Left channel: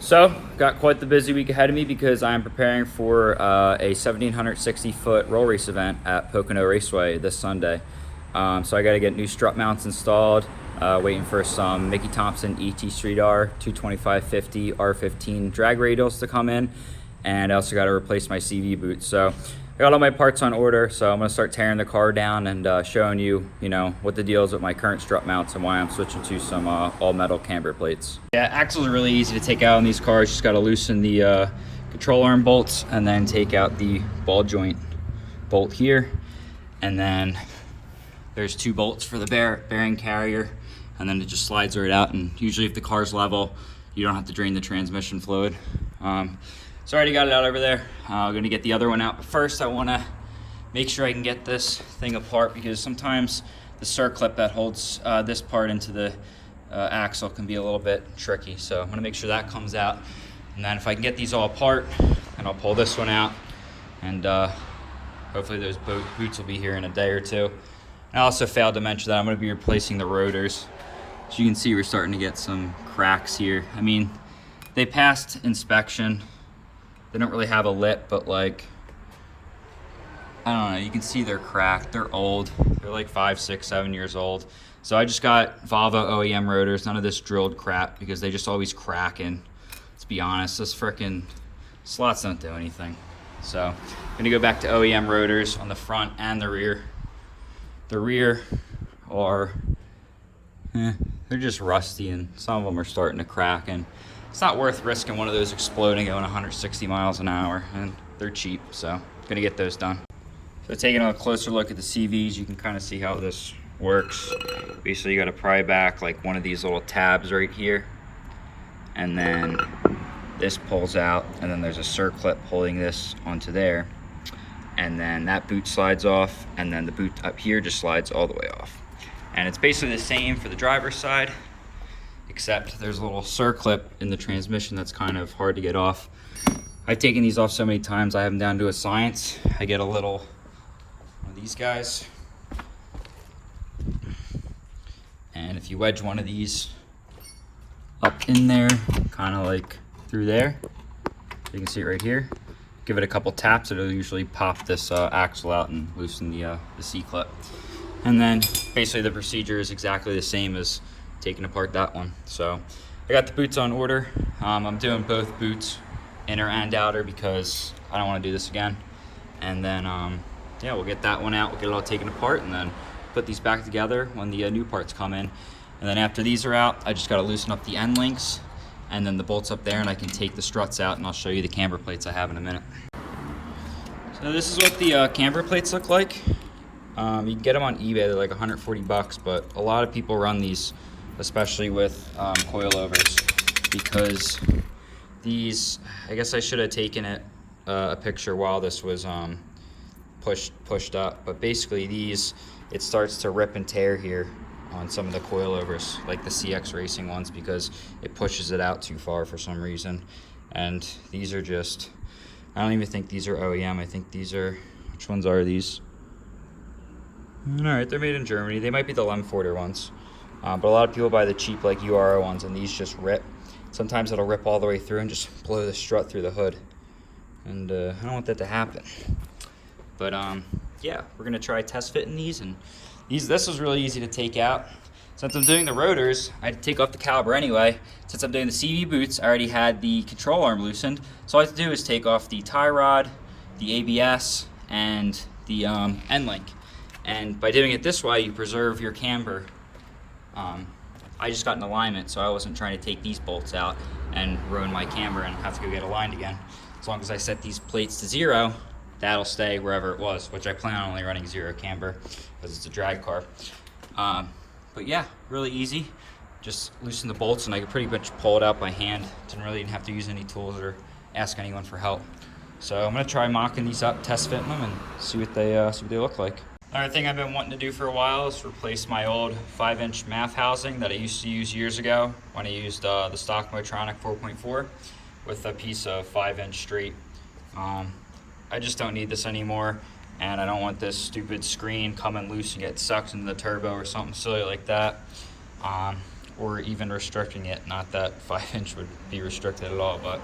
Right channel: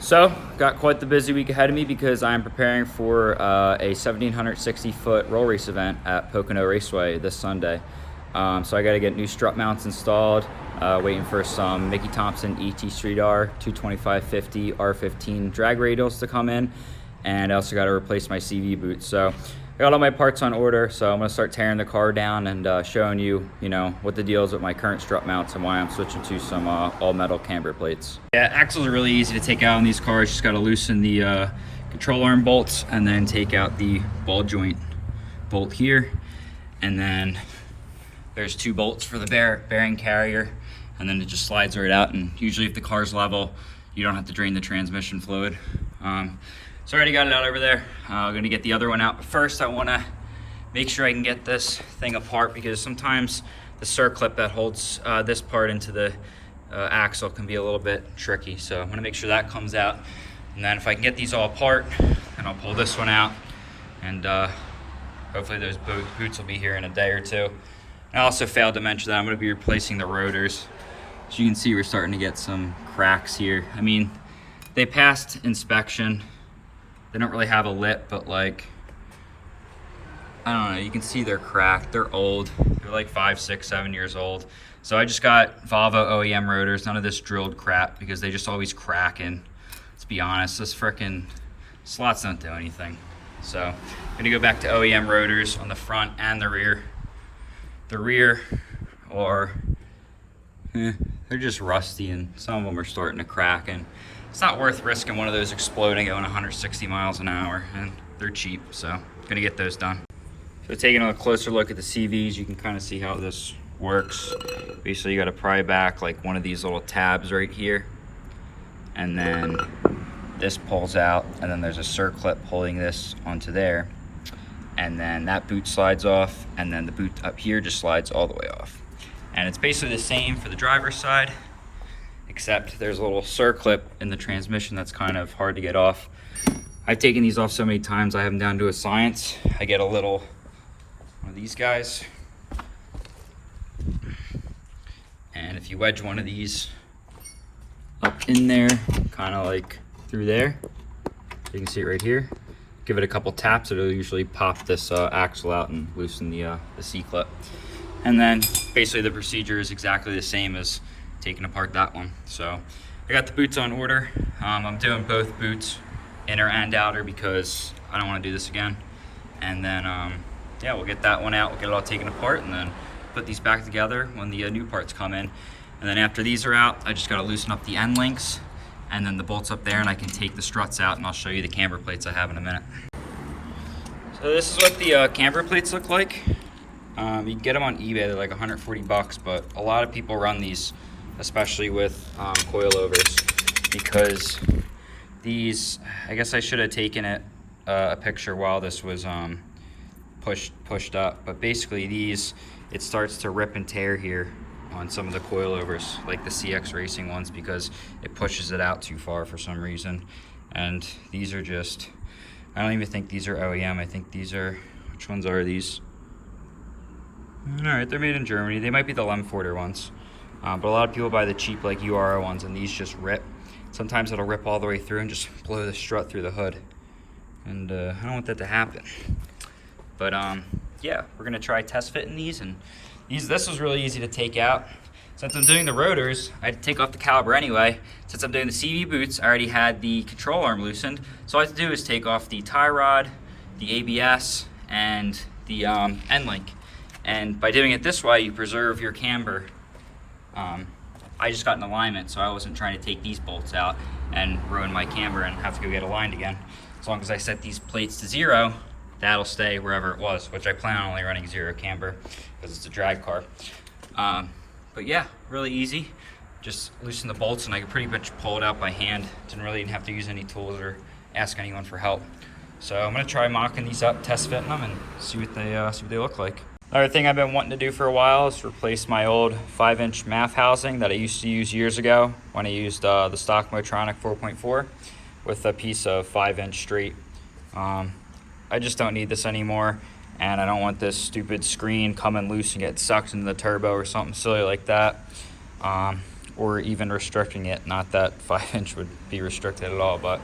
So, got quite the busy week ahead of me because I'm preparing for a 1,760-foot roll race event at Pocono Raceway this Sunday. So I got to get new strut mounts installed, waiting for some Mickey Thompson ET Street R 225/50 R15 drag radials to come in, and I also got to replace my CV boots. So I got all my parts on order, so I'm going to start tearing the car down and showing you, what the deal is with my current strut mounts and why I'm switching to some all-metal camber plates. Yeah, axles are really easy to take out on these cars. Just got to loosen the control arm bolts and then take out the ball joint bolt here. And then there's 2 bolts for the bearing carrier, and then it just slides right out. And usually if the car's level, you don't have to drain the transmission fluid. So I already got it out over there. I'm gonna get the other one out, but first I wanna make sure I can get this thing apart, because sometimes the circlip that holds this part into the axle can be a little bit tricky. So I'm gonna make sure that comes out. And then if I can get these all apart, and I'll pull this one out, and hopefully those boots will be here in a day or two. And I also failed to mention that I'm gonna be replacing the rotors. As you can see, we're starting to get some cracks here. I mean, they passed inspection. They don't really have a lip, but like, I don't know, you can see they're cracked. They're old. They're like 5, 6, 7 years old. So I just got Volvo OEM rotors, none of this drilled crap, because they just always crack. And let's be honest, this frickin' slots don't do anything. So I'm gonna go back to OEM rotors on the front and the rear. The rear are, they're just rusty, and some of them are starting to crack, and it's not worth risking one of those exploding going 160 miles an hour, and they're cheap, so gonna get those done. So taking a closer look at the CVs, you can kind of see how this works. Basically, you gotta pry back like one of these little tabs right here, and then this pulls out, and then there's a circlip holding this onto there, and then that boot slides off, and then the boot up here just slides all the way off. And it's basically the same for the driver's side, except there's a little circlip in the transmission that's kind of hard to get off. I've taken these off so many times, I have them down to a science. I get a little one of these guys, and if you wedge one of these up in there, kind of like through there, you can see it right here, give it a couple taps, it'll usually pop this axle out and loosen the C-clip. And then basically the procedure is exactly the same as taking apart that one. So I got the boots on order. I'm doing both boots, inner and outer, because I don't want to do this again. And then yeah, we'll get that one out, we'll get it all taken apart, and then put these back together when the new parts come in. And then after these are out, I just got to loosen up the end links and then the bolts up there, and I can take the struts out, and I'll show you the camber plates I have in a minute. So this is what the camber plates look like. You can get them on eBay, they're like 140 bucks, but a lot of people run these, especially with coilovers, because these, I guess I should have taken a picture while this was pushed up, but basically these, it starts to rip and tear here on some of the coilovers, like the CX Racing ones, because it pushes it out too far for some reason. And these are just, I don't even think these are OEM, I think these are, which ones are these? All right, they're made in Germany. They might be the Lemforder ones, but a lot of people buy the cheap like URO ones, and these just rip. Sometimes it'll rip all the way through and just blow the strut through the hood, and I don't want that to happen. But yeah, we're gonna try test fitting these, and this is really easy to take out. Since I'm doing the rotors, I had to take off the caliper anyway. Since I'm doing the CV boots, I already had the control arm loosened, so all I have to do is take off the tie rod, the ABS, and the end link. And by doing it this way, you preserve your camber. I just got in alignment, so I wasn't trying to take these bolts out and ruin my camber and have to go get aligned again. As long as I set these plates to 0, that'll stay wherever it was, which I plan on only running 0 camber because it's a drag car. But yeah, really easy. Just loosen the bolts, and I could pretty much pull it out by hand. Didn't really even have to use any tools or ask anyone for help. So I'm gonna try mocking these up, test fitting them, and see what they look like. Another thing I've been wanting to do for a while is replace my old 5-inch MAF housing that I used to use years ago when I used the stock Motronic 4.4 with a piece of 5-inch straight. I just don't need this anymore, and I don't want this stupid screen coming loose and get sucked into the turbo or something silly like that. or even restricting it. Not that 5-inch would be restricted at all, but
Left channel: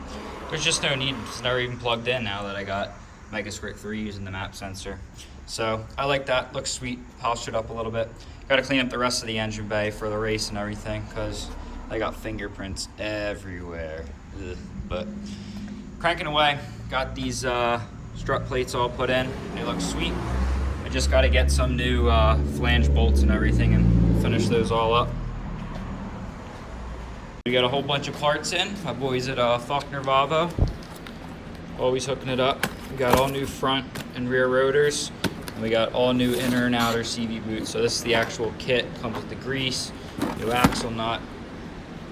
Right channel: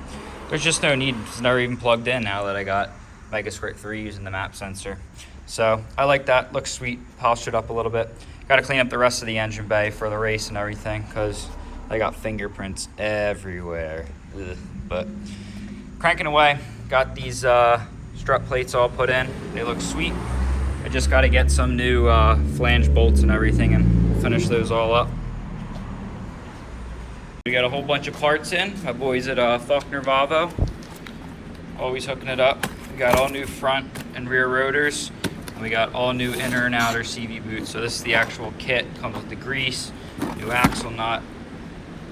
there's just no need. It's never even plugged in now that I got Megasquirt 3 using the map sensor. So I like that, looks sweet, polished it up a little bit. Got to clean up the rest of the engine bay for the race and everything because I got fingerprints everywhere. Ugh. But cranking away, got these strut plates all put in. They look sweet. I just got to get some new flange bolts and everything and finish those all up. We got a whole bunch of parts in. My boys at Faulkner Volvo, always hooking it up. We got all new front and rear rotors. We got all new inner and outer CV boots. So this is the actual kit. Comes with the grease, new axle nut,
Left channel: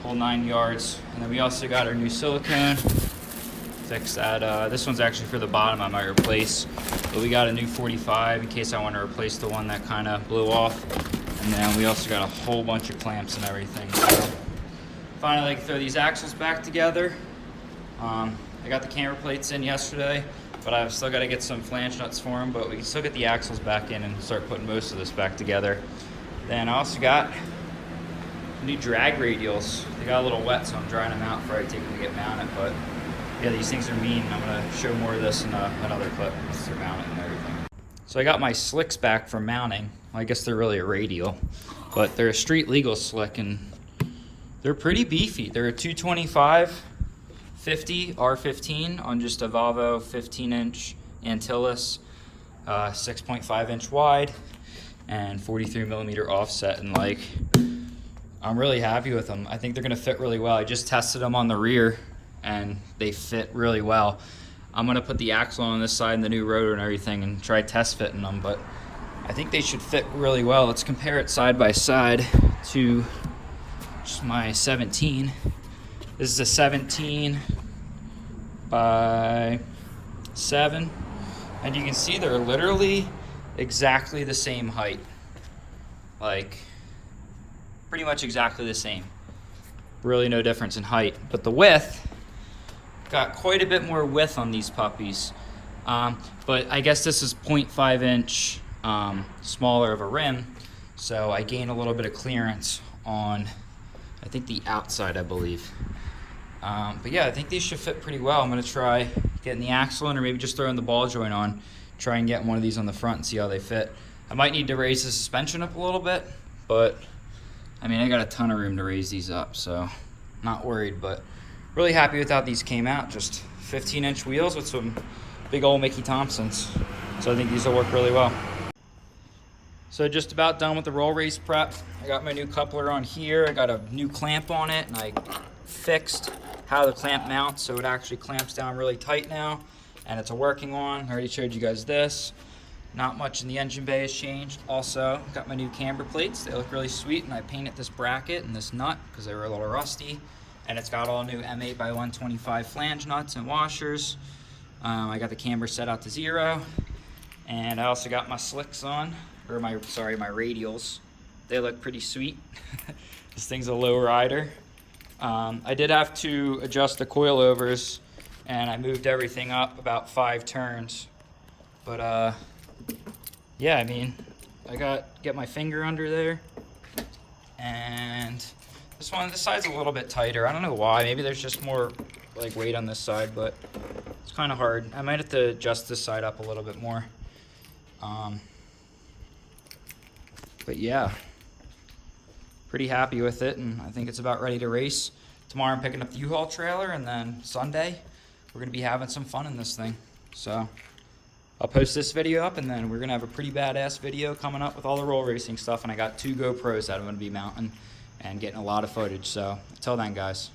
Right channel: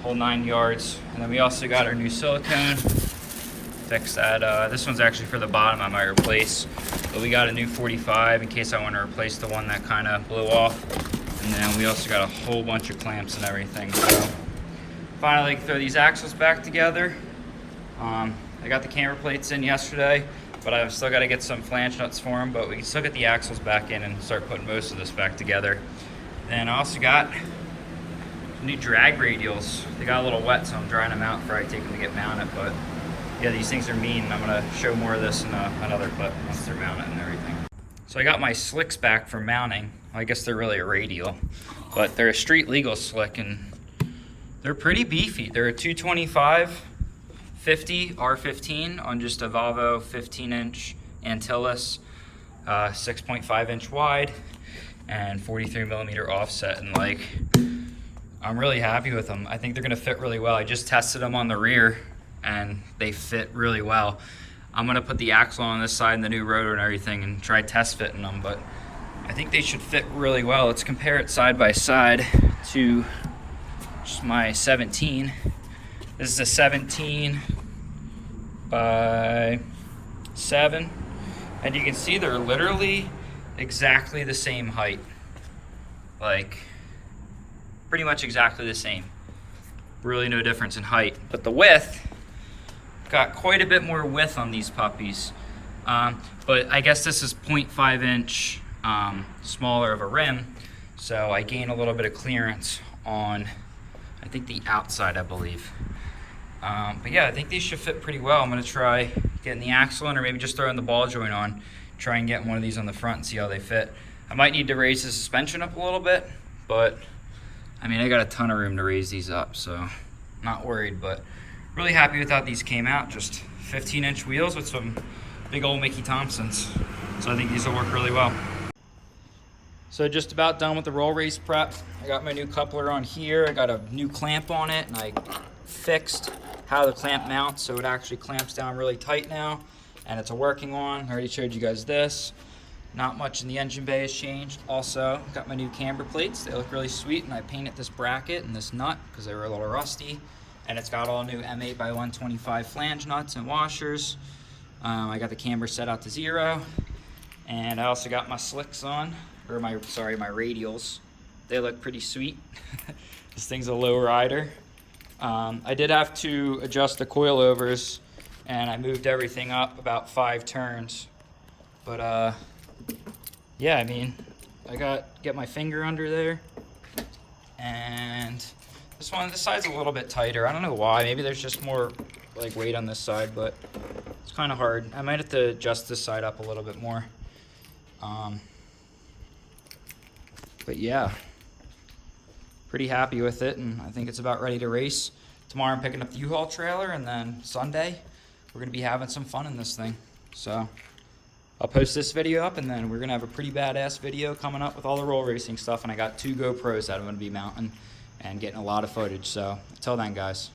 whole 9 yards. And then we also got our new silicone. Fix that. This one's actually for the bottom I might replace. But we got a new 45 in case I want to replace the one that kind of blew off. And then we also got a whole bunch of clamps and everything. So finally throw these axles back together. I got the camber plates in yesterday, but I've still got to get some flange nuts for them, but we can still get the axles back in and start putting most of this back together. Then I also got new drag radials. They got a little wet, so I'm drying them out before I take them to get mounted, but yeah, these things are mean. I'm going to show more of this in another clip once they're mounted and everything. So I got my slicks back for mounting. I guess they're really a radial, but they're a street legal slick, and they're pretty beefy. They're a 225 50 R15 on just a Volvo 15-inch Antilles, 6.5-inch wide and 43mm offset, and like I'm really happy with them. I think they're gonna fit really well. I just tested them on the rear and they fit really well. I'm gonna put the axle on this side and the new rotor and everything and try test fitting them, but I think they should fit really well. Let's compare it side by side to just my 17. This is a 17 by 7, and you can see they're literally exactly the same height. Like, pretty much exactly the same. Really no difference in height, but the width, got quite a bit more width on these puppies. But I guess this is 0.5 inch smaller of a rim, so I gain a little bit of clearance on, I think, the outside, I believe. But yeah, I think these should fit pretty well. I'm gonna try getting the axle in, or maybe just throwing the ball joint on, try and get one of these on the front and see how they fit. I might need to raise the suspension up a little bit, but I mean, I got a ton of room to raise these up, so not worried, but really happy with how these came out. Just 15-inch wheels with some big old Mickey Thompsons. So I think these will work really well. So just about done with the roll race prep. I got my new coupler on here. I got a new clamp on it, and I fixed how the clamp mounts so it actually clamps down really tight now, and it's a working one. I already showed you guys this. Not much in the engine bay has changed. Also, got my new camber plates. They look really sweet, and I painted this bracket and this nut because they were a little rusty. And it's got all new M8 by 125 flange nuts and washers. I got the camber set out to 0. And I also got my slicks on, or my radials. They look pretty sweet. This thing's a low rider. I did have to adjust the coilovers, and I moved everything up about 5 turns. But yeah, I mean, get my finger under there, and this side's a little bit tighter. I don't know why. Maybe there's just more like weight on this side, but it's kind of hard. I might have to adjust this side up a little bit more. But yeah, pretty happy with it, and I think it's about ready to race. Tomorrow I'm picking up the U-Haul trailer, and then Sunday we're gonna be having some fun in this thing. So I'll post this video up, and then we're gonna have a pretty badass video coming up with all the roll racing stuff, and I got 2 GoPros that I'm gonna be mounting and getting a lot of footage. So until then, guys.